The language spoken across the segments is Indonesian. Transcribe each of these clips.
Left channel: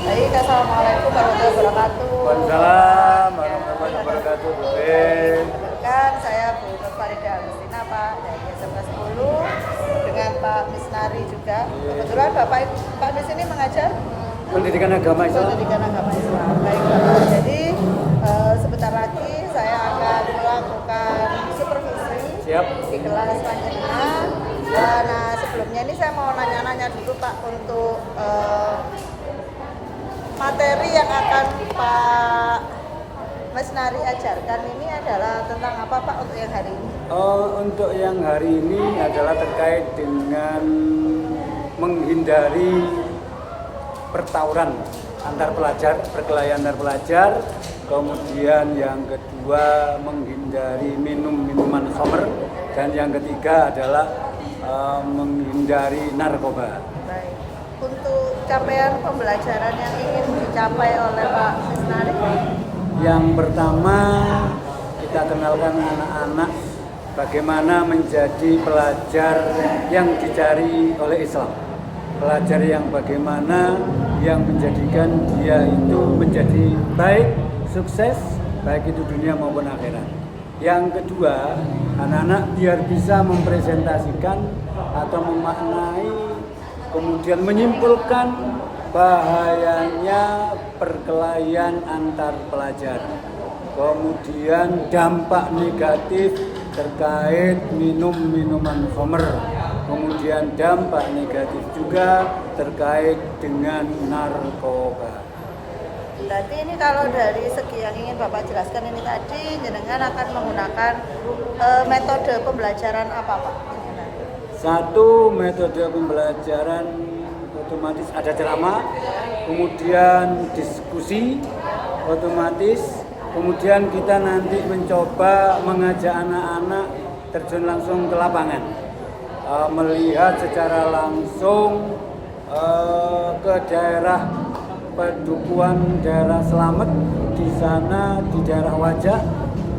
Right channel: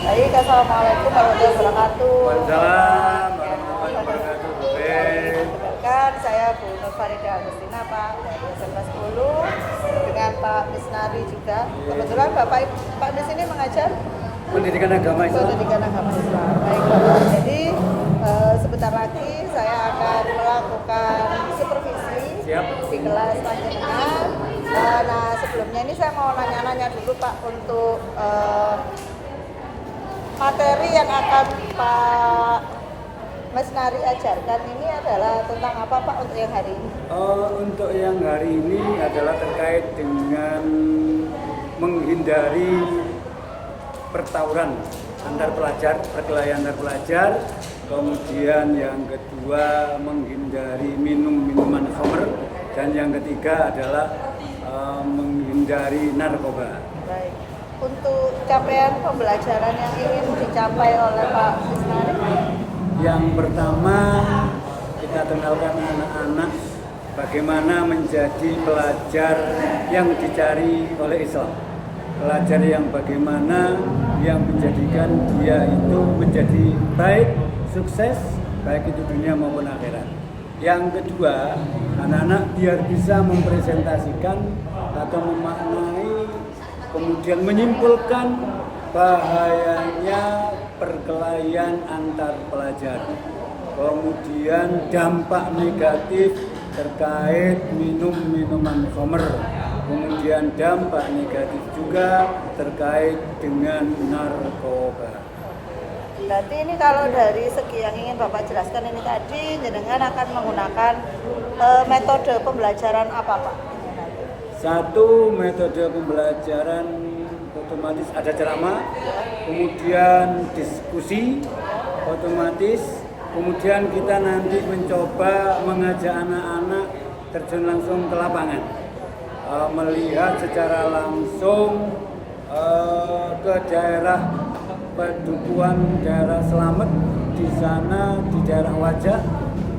Baik, assalamualaikum warahmatullahi wabarakatuh. Waalaikumsalam warahmatullahi wabarakatuh. Perkenalkan, saya Bu Nur Farida Agustina, Pak, dari SMK 10 dengan Pak Misnari juga. Kebetulan Pak Mis ini mengajar Pendidikan agama Islam. pendidikan agama Islam. Baik Bapak, jadi sebentar lagi saya akan melakukan supervisi Siap. di kelas panjenengan. Nah, sebelumnya ini saya mau nanya-nanya dulu Pak untuk materi yang akan Pak Misnari ajarkan ini adalah tentang apa Pak untuk yang hari ini? Untuk yang hari ini adalah terkait dengan menghindari pertauran antar pelajar, perkelahian antar pelajar. Kemudian yang kedua menghindari minuman khamr, dan yang ketiga adalah menghindari narkoba. Baik. Untuk capaian pembelajaran yang ingin dicapai oleh Pak Misnari? Yang pertama, kita kenalkan anak-anak bagaimana menjadi pelajar yang dicari oleh Islam. Pelajar yang bagaimana yang menjadikan dia itu menjadi baik, sukses, baik itu dunia maupun akhirat. Yang kedua, anak-anak biar bisa mempresentasikan atau memaknai, kemudian menyimpulkan bahayanya perkelahian antar pelajar, kemudian dampak negatif terkait minuman khamr, kemudian dampak negatif juga terkait dengan narkoba. Berarti ini kalau dari segi yang ingin Bapak jelaskan ini tadi, jenengan akan menggunakan metode pembelajaran apa Pak? Satu, metode pembelajaran otomatis ada ceramah, kemudian diskusi otomatis, kemudian kita nanti mencoba mengajak anak-anak terjun langsung ke lapangan, melihat secara langsung ke daerah pedukuhan daerah Slamet. Di sana di daerah Wajah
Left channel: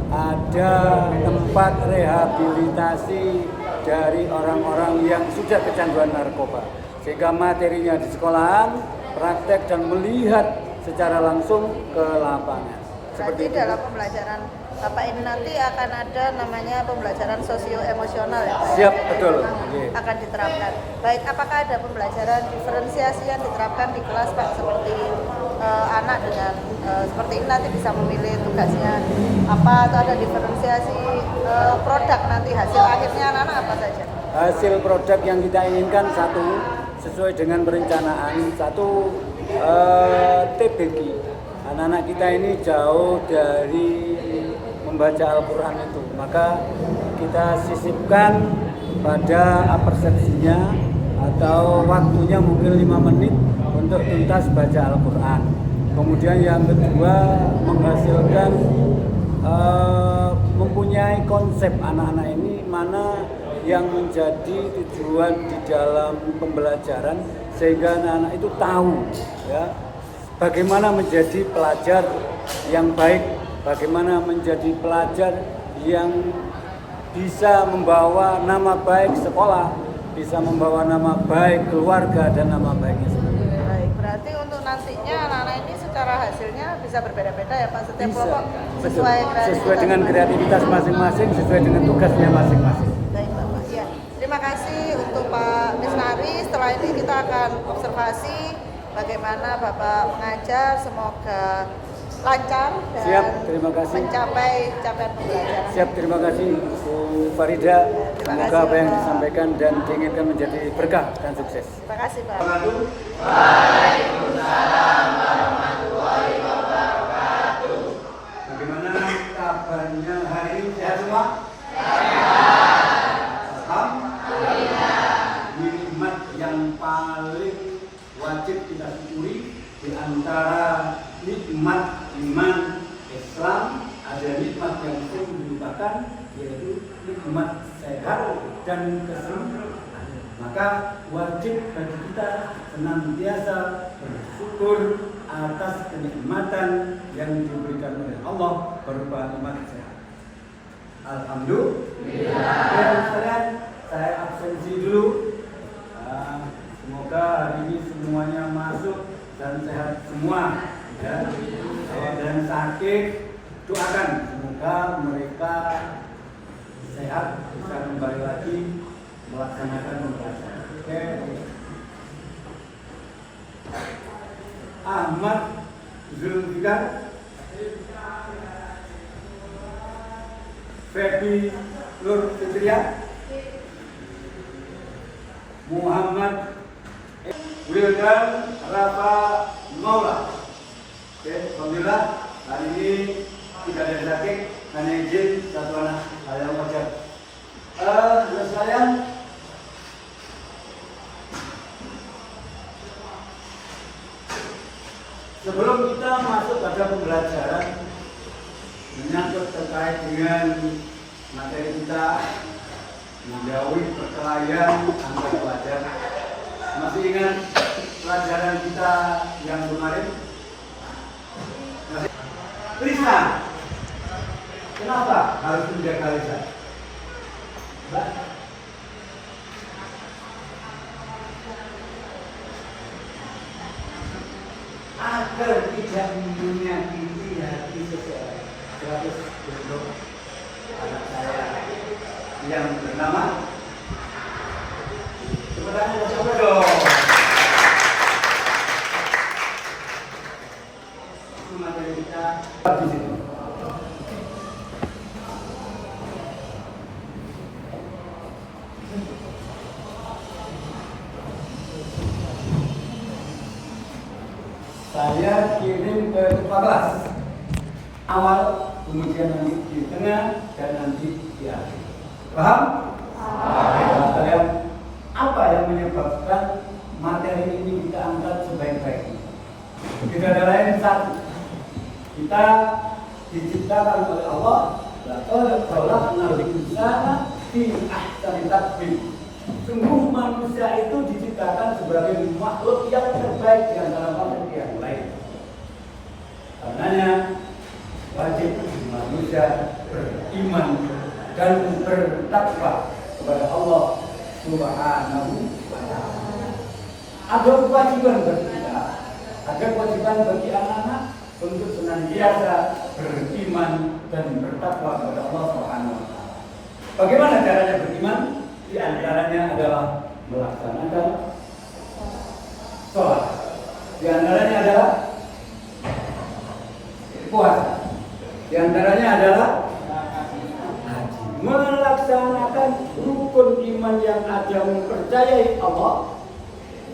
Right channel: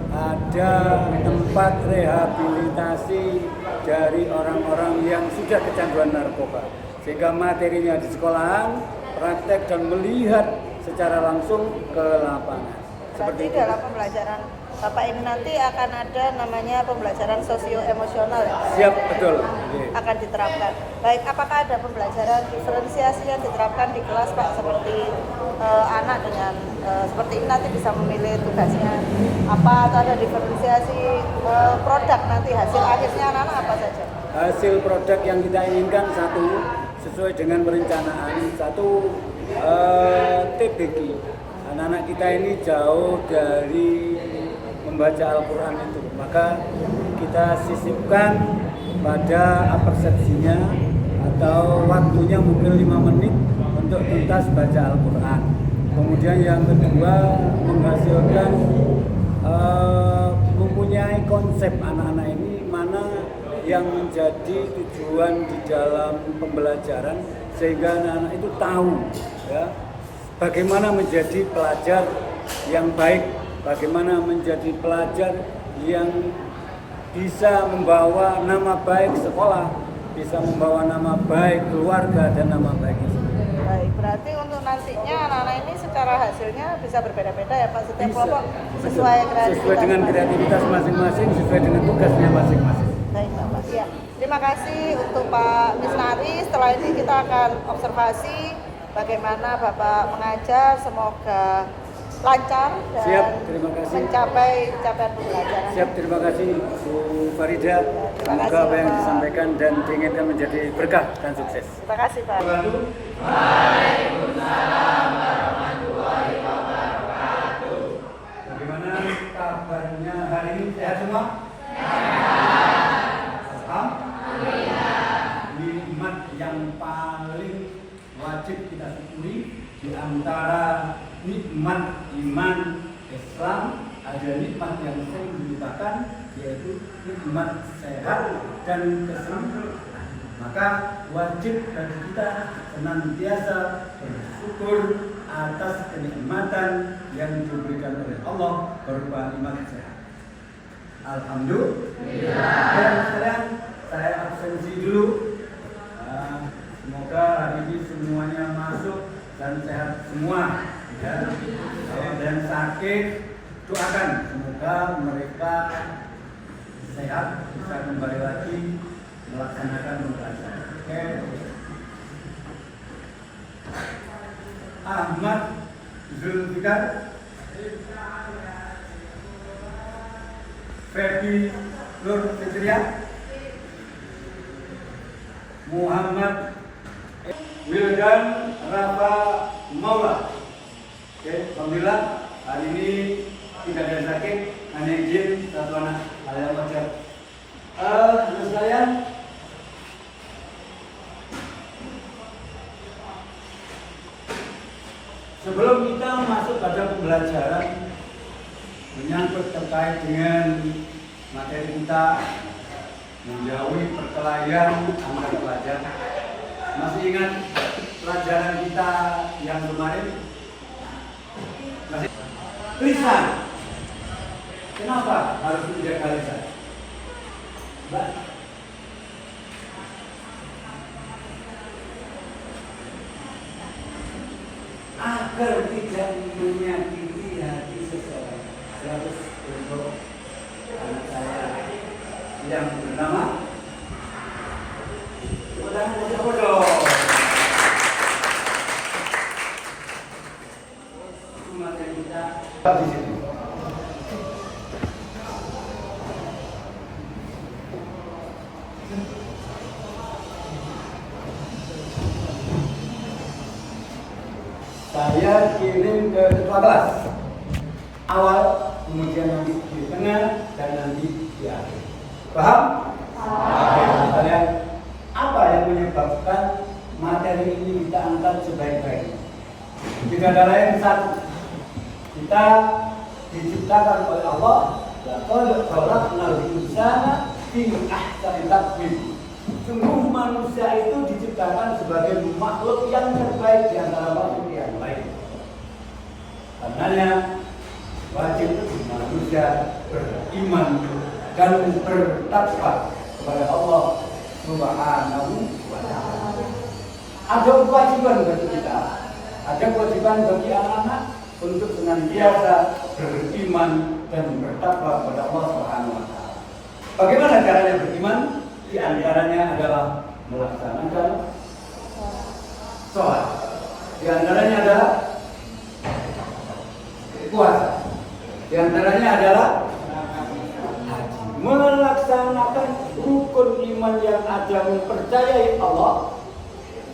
ada tempat rehabilitasi dari orang-orang yang sudah kecanduan narkoba, sehingga materinya di sekolahan, praktek dan melihat secara langsung ke lapangan. Berarti dalam pembelajaran Bapak ini nanti akan ada namanya pembelajaran sosio-emosional ya Pak? Siap, betul. Akan diterapkan. Baik, apakah ada pembelajaran diferensiasi yang diterapkan di kelas Pak, seperti anak dengan seperti ini nanti bisa memilih tugasnya apa, atau ada diferensiasi produk nanti hasil akhirnya anak-anak apa saja? Hasil produk yang kita inginkan satu, sesuai dengan perencanaan, satu TBG. Anak-anak kita ini jauh dari membaca Al-Quran itu, maka kita sisipkan pada persepsinya atau waktunya mungkin 5 menit untuk tuntas baca Al-Quran. Kemudian yang kedua, menghasilkan mempunyai konsep anak-anak ini mana yang menjadi tujuan di dalam pembelajaran, sehingga anak-anak itu tahu ya, bagaimana menjadi pelajar yang baik, bagaimana menjadi pelajar yang bisa membawa nama baik sekolah, bisa membawa nama baik keluarga dan nama baik Islam. Baik, berarti untuk nantinya anak-anak ini secara hasilnya bisa berbeda-beda ya Pak, setiap kelompok sesuai dengan kreativitas masing-masing, sesuai dengan tugasnya masing-masing. Baik Bapak, ya. Terima kasih untuk Pak Misnari. Setelah ini kita akan observasi bagaimana Bapak mengajar, semoga lancar dan Siap, terima kasih. mencapai capaian pembelajaran. Siap, terima kasih Bu Farida. Terima Semoga kasih, apa yang Pak. disampaikan dan diinginkan menjadi berkah dan sukses. Terima kasih Pak. Bagaimana kabarnya hari ini? Sehat semua? Alhamdulillah. Nikmat yang paling wajib kita syukuri di antara nikmat iman Islam, ada nikmat yang sering dilupakan, yaitu nikmat sehat dan keselamatan. Maka wajib bagi kita senantiasa bersyukur atas kenikmatan yang diberikan oleh Allah berupa nikmat sehat. Alhamdulillah. Dan sekalian, saya absensi dulu. Semoga hari ini semuanya masuk dan sehat semua. Ya, kalau ada yang sakit, doakan semoga mereka sehat, bisa kembali lagi melaksanakan pembelajaran. Oke. Ahmad Zulfikar, Febi Nur Fitria, Muhammad Wildan Rafa Maula. Oke, alhamdulillah hari ini tidak ada yang sakit, hanya izin satu anak yang wajar. Terus sekalian, sebelum kita masuk pada pembelajaran menyangkut terkait dengan materi kita menjauhi perkelahian antar pelajar, masih ingat pelajaran kita yang kemarin? Lisan. Kenapa harus menjaga lisan? Agar tidak menyakiti hati seseorang. Terus untuk anak saya yang pertama, sebenarnya siapa dong? Materi kita di sini. Saya kirim ke kepala kelas awal, kemudian nanti di tengah dan nanti di akhir. Paham? Kalian apa yang menyebabkan materi ini kita angkat sebaik-baiknya? Tidak ada lain satu. Kita diciptakan oleh Allah. Laqad khalaqnal insana fi ahsani taqwim. Sungguh manusia itu diciptakan sebagai makhluk yang terbaik di antara makhluk yang lain. Karenanya wajib manusia beriman dan bertakwa kepada Allah Subhanahu wa Ta'ala. Ada kewajiban bagi kita, ada kewajiban bagi anak-anak untuk senantiasa beriman dan bertakwa kepada Allah Subhanahu wa Ta'ala. Bagaimana caranya beriman? Di antaranya adalah melaksanakan sholat. Di antaranya adalah puasa. Di antaranya adalah melaksanakan rukun iman yang ada, mempercayai Allah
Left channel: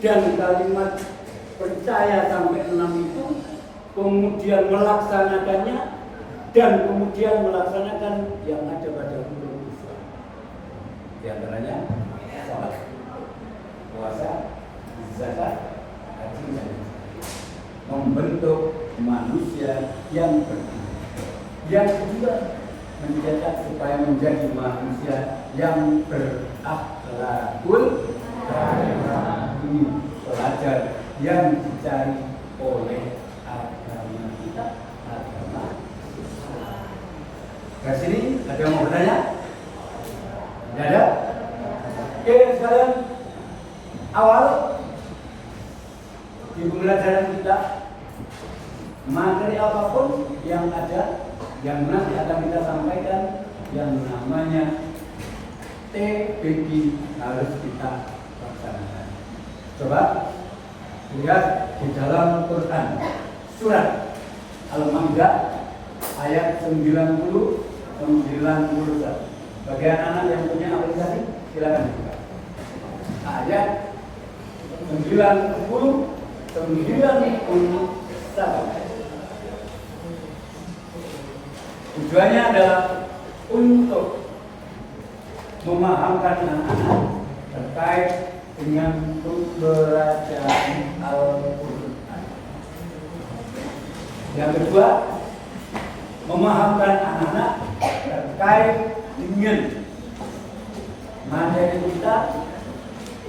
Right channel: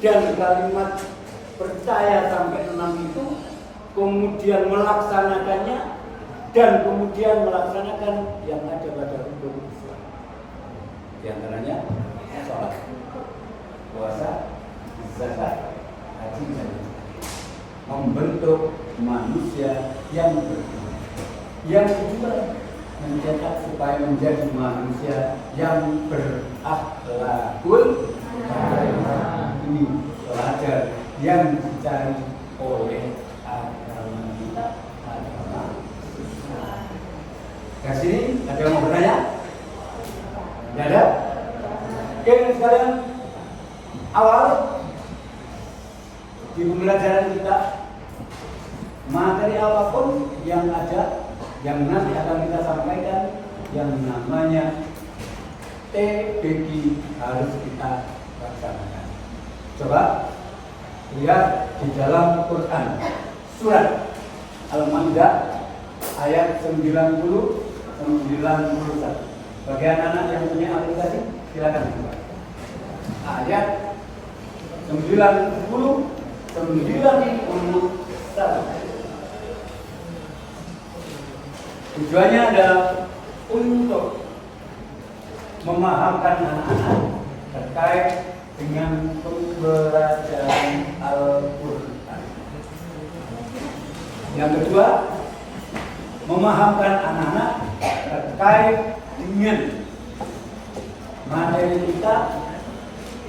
dan kalimat percaya sampai 6 itu, kemudian melaksanakannya dan kemudian melaksanakan yang ada pada rukun Islam. Di antaranya sholat, puasa, zakat, haji dan membentuk manusia yang beriman. Yang kedua, mencetak supaya menjadi manusia yang berakhlakul karimah. Ini pelajar yang dicari oleh agama kita, agama Islam. Ke sini ada yang mau bertanya? Enggak ada? Oke, sekarang awal di pembelajaran kita, materi apapun yang ada, yang nanti akan kita sampaikan, yang namanya TBG harus kita laksanakan. Coba lihat di dalam Quran surat Al-Maidah ayat 90-91. Bagi anak-anak yang punya aplikasi, silakan buka. Ayat 91. Tujuannya adalah untuk memahamkan anak-anak terkait dengan pembelajaran Al-Quran. Yang kedua, memahamkan anak-anak terkait dengan materi kita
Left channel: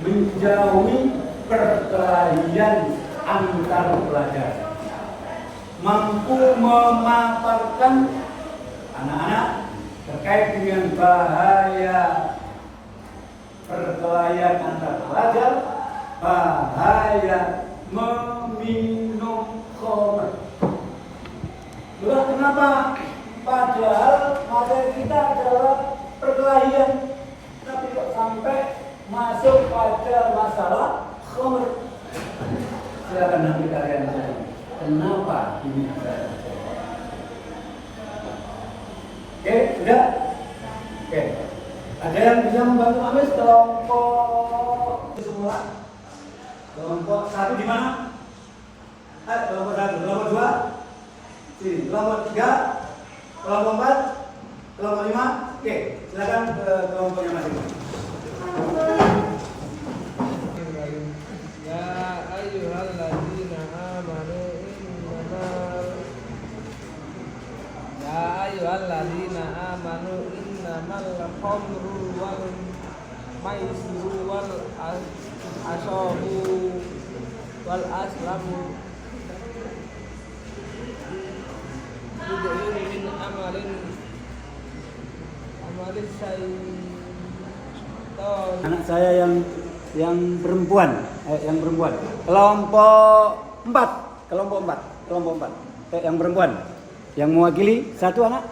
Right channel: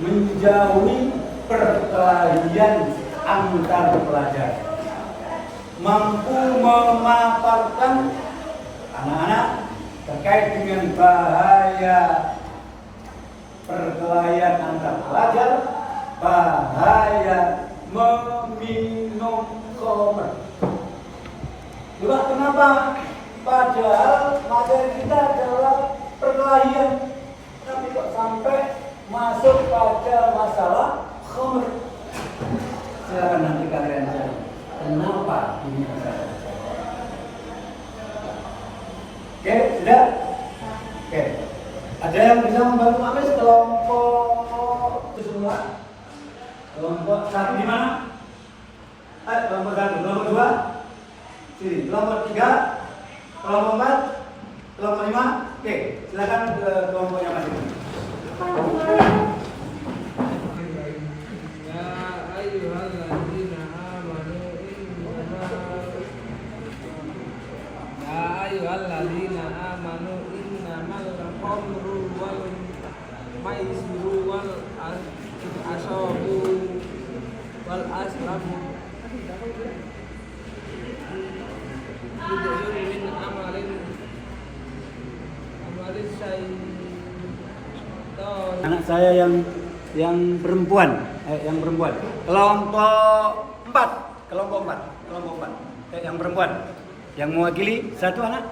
menjauhi perkelahian antar pelajar, mampu memaparkan anak-anak terkait dengan bahaya perkelahian antar pelajar, bahaya minum khamr. Bukan kenapa? Padahal materi kita adalah perkelahian, tapi kok sampai masuk pada masalah khamr. Silakan nanti kalian cari. Kenapa ini bisa terjadi? Oke, sudah? Oke. Ada yang bisa membantu Amis kelompok semua? Kelompok satu di mana? Kelompok satu, kelompok dua, sini. Kelompok tiga, kelompok empat, kelompok lima. Oke, silakan ke kelompoknya masing-masing. Alladzina amanu innamal khamru wal maisiru wal asabu wal aslamu yudhiru min amalin syaitan. Anak saya yang perempuan, kelompok empat, yang perempuan, yang mewakili satu anak.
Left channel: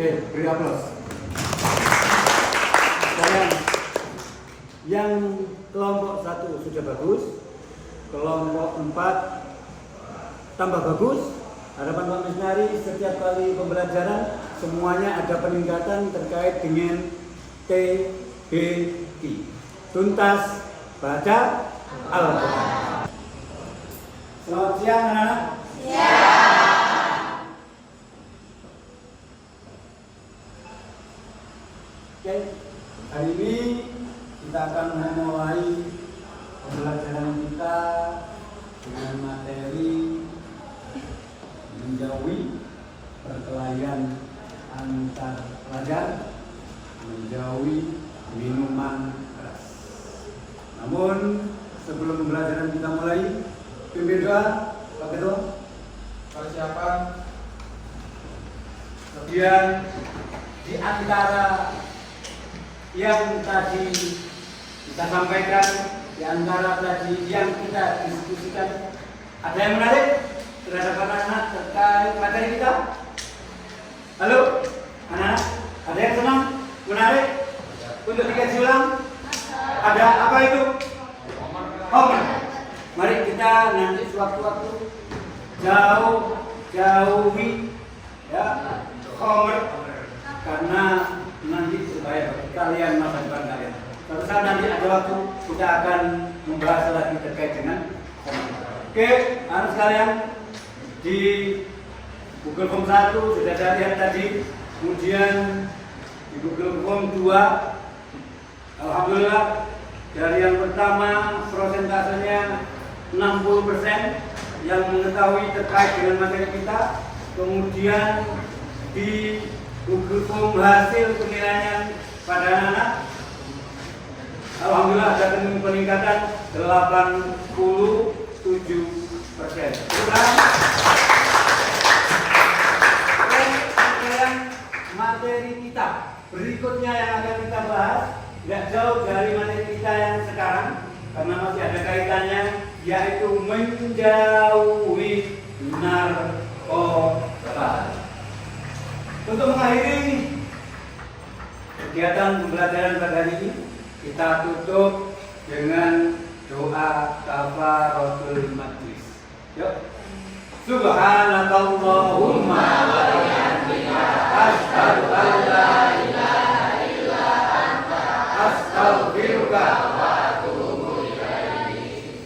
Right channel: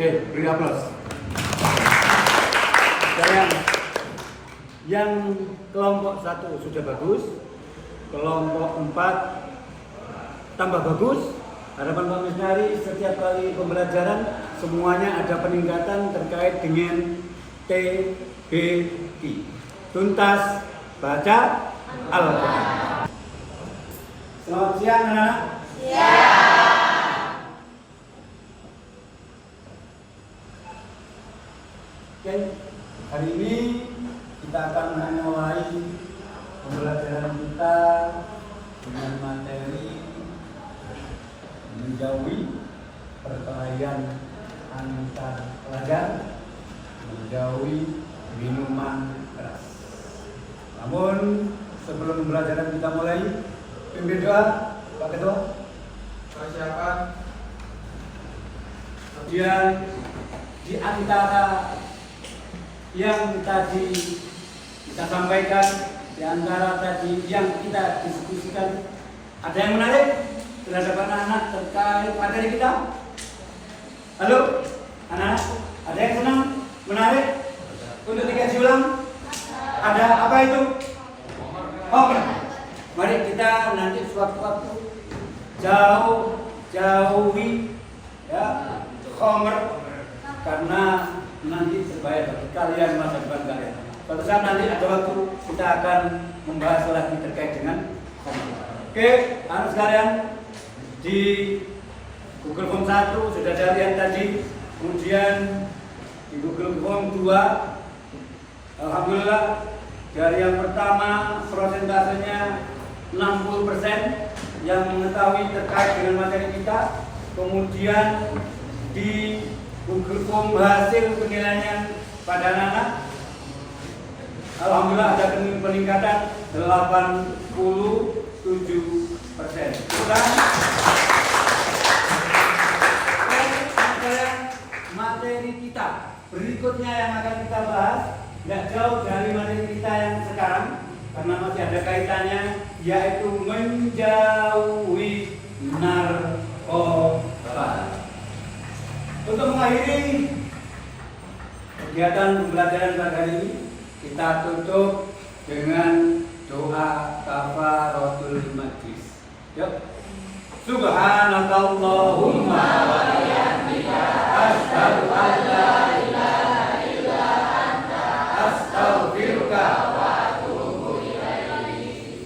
Oke, beri aplaus. Yang kelompok satu sudah bagus, kelompok empat tambah bagus. Harapan Pak Misnari setiap kali pembelajaran semuanya ada peningkatan terkait dengan TBQ, tuntas baca Al-Quran. Selamat siang anak-anak. Oke, hari ini kita akan memulai pembelajaran kita dengan materi menjauhi perkelahian antar pelajar, menjauhi minuman keras. Namun sebelum pembelajaran kita mulai, pimpin doa, Pak Ketua. Persiapan. Kemudian di antara yang tadi kita sampaikan, di antara tadi yang kita diskusikan, ada yang menarik terhadap anak-anak terkait materi kita? Halo, anak-anak, ada yang senang, menarik untuk dikaji ulang? Ada apa itu? Homer. Mari kita nanti sewaktu-waktu jauhi ya Homer, karena nanti berbahaya bagi kalian, masa depan kalian. Suatu saat nanti ada waktu kita akan membahas lagi terkait dengan Homer. Oke, anak sekalian, di Google Form 1 sudah ada yang tadi, kemudian di Google Form 2, alhamdulillah dari yang pertama prosentasenya 60% yang mengetahui terkait dengan materi kita. Kemudian di Google Form hasil penilaian pada anak-anak, alhamdulillah ada peningkatan 87%. Sekarang materi kita berikutnya yang akan kita bahas tidak jauh dari materi kita yang sekarang, karena masih ada kaitannya, yaitu menjauhi narkoba. Untuk mengakhiri kegiatan pembelajaran pada hari ini, kita tutup dengan doa kafaratul majlis. Yuk. Subhanakallahumma wa bihamdika asyhadu an la ilaha illa anta astaghfiruka wa atubu ilaik.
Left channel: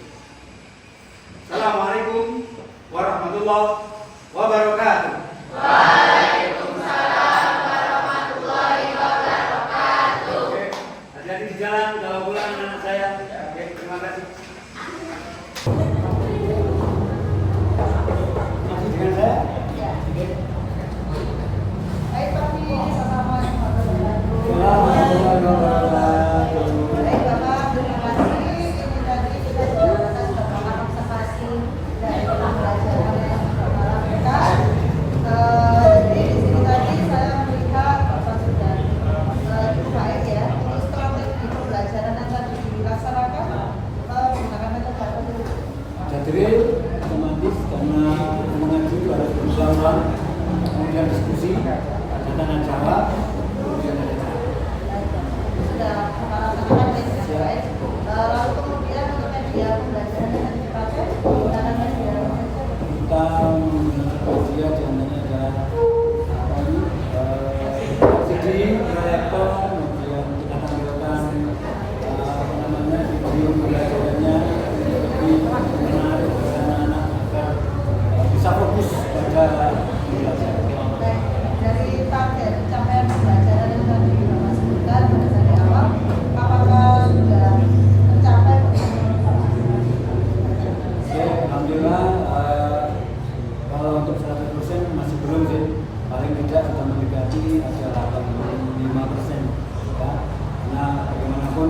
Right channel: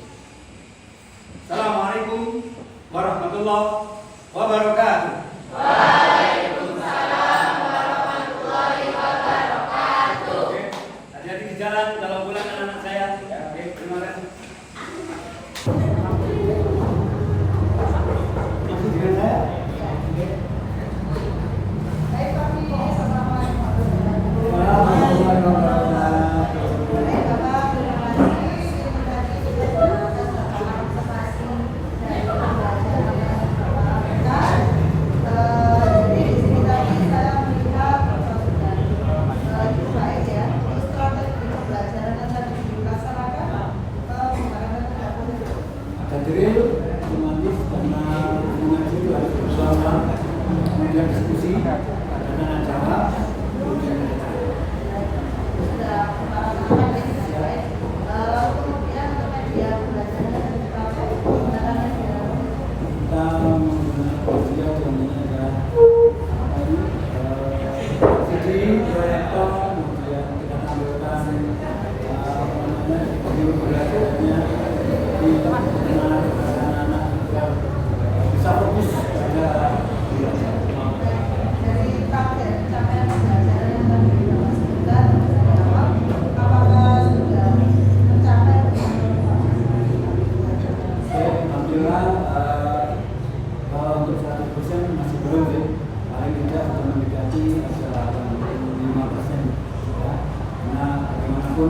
Assalamualaikum warahmatullahi wabarakatuh. Waalaikumsalam warahmatullahi wabarakatuh. Oke, hati-hati di jalan kalau pulang anak-anak saya. Oke, terima kasih. Masih dengan saya? Baik, Pak, sama-sama.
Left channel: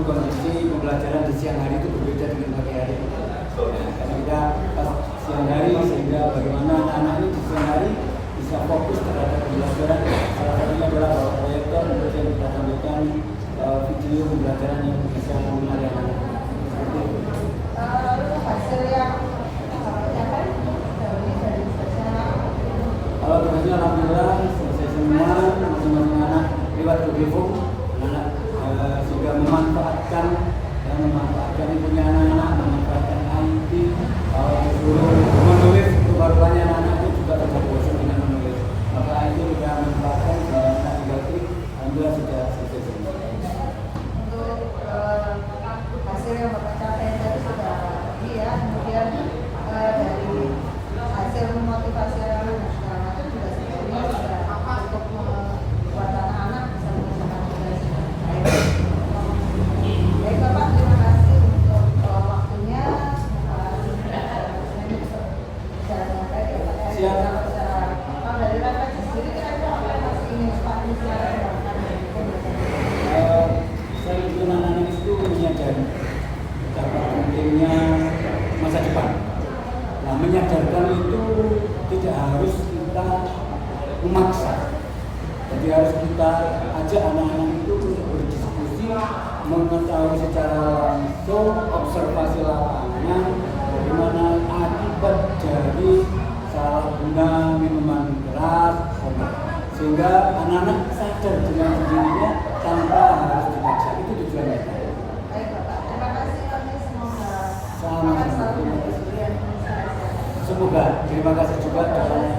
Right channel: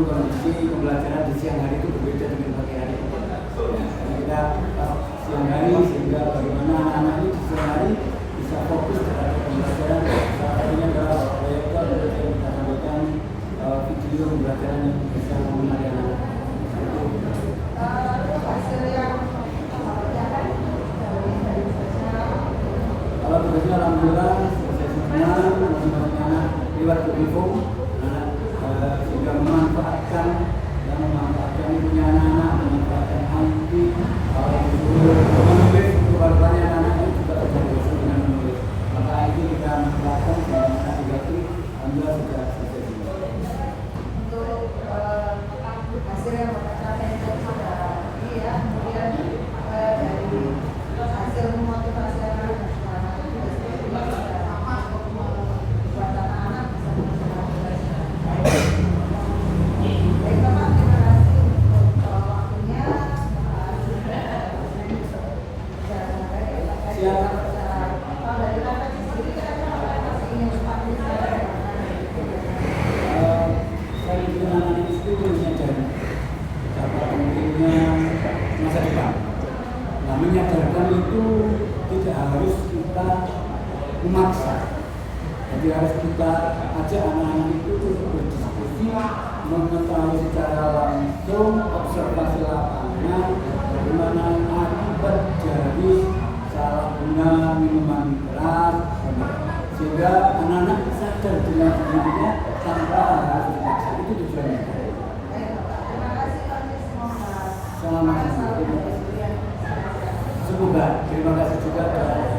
kondisi pembelajaran di siang hari itu berbeda dengan pagi hari. Karena kita pas siang hari sehingga bagaimana anak-anak ini di siang hari bisa fokus terhadap pembelajaran. Salah satunya adalah proyektor yang kita tampilkan video pembelajaran yang bisa menarik anak-anak. Lalu hasil yang Kalau tugasnya alhamdulillah selesai semua, masing-masing anak lewat Google anak sudah memanfaatkan ibunya anak-anak, memanfaatkan IT, kalau disuruh menulis itu baru-baru anak-anak itu juga tidak bosan dengan menulis. Maka itu kita manfaatkan sehingga anak juga itu alhamdulillah sudah selesai semua. Untuk hasil yang Bapak capai tadi sudah ya, kemudian dari hasil memotivasi anak-anak juga sebetulnya untuk membuat anak-anak bisa menggunakan baik Bapak, terima kasih untuk waktunya. Secara dengan baik ya Pak. Siap. Kalau dari rapat sendiri ingin Pak Saya itu anak-anak itu menyadari betapa pentingnya masa depan. Nah, menyadarkan itu tidak harus kita memaksa. Jadi harus kita ajak anak-anak itu untuk berdiskusi, mengetahui secara langsung, observasi lapangan, bagaimana akibat dari salah guna minuman keras, sehingga anak-anak sadar dengan sendirinya tanpa harus dipaksa. Itu tujuannya. Baik Bapak, terima kasih kami semoga Sama-sama. Terima kasih. Semoga terima kasih juga.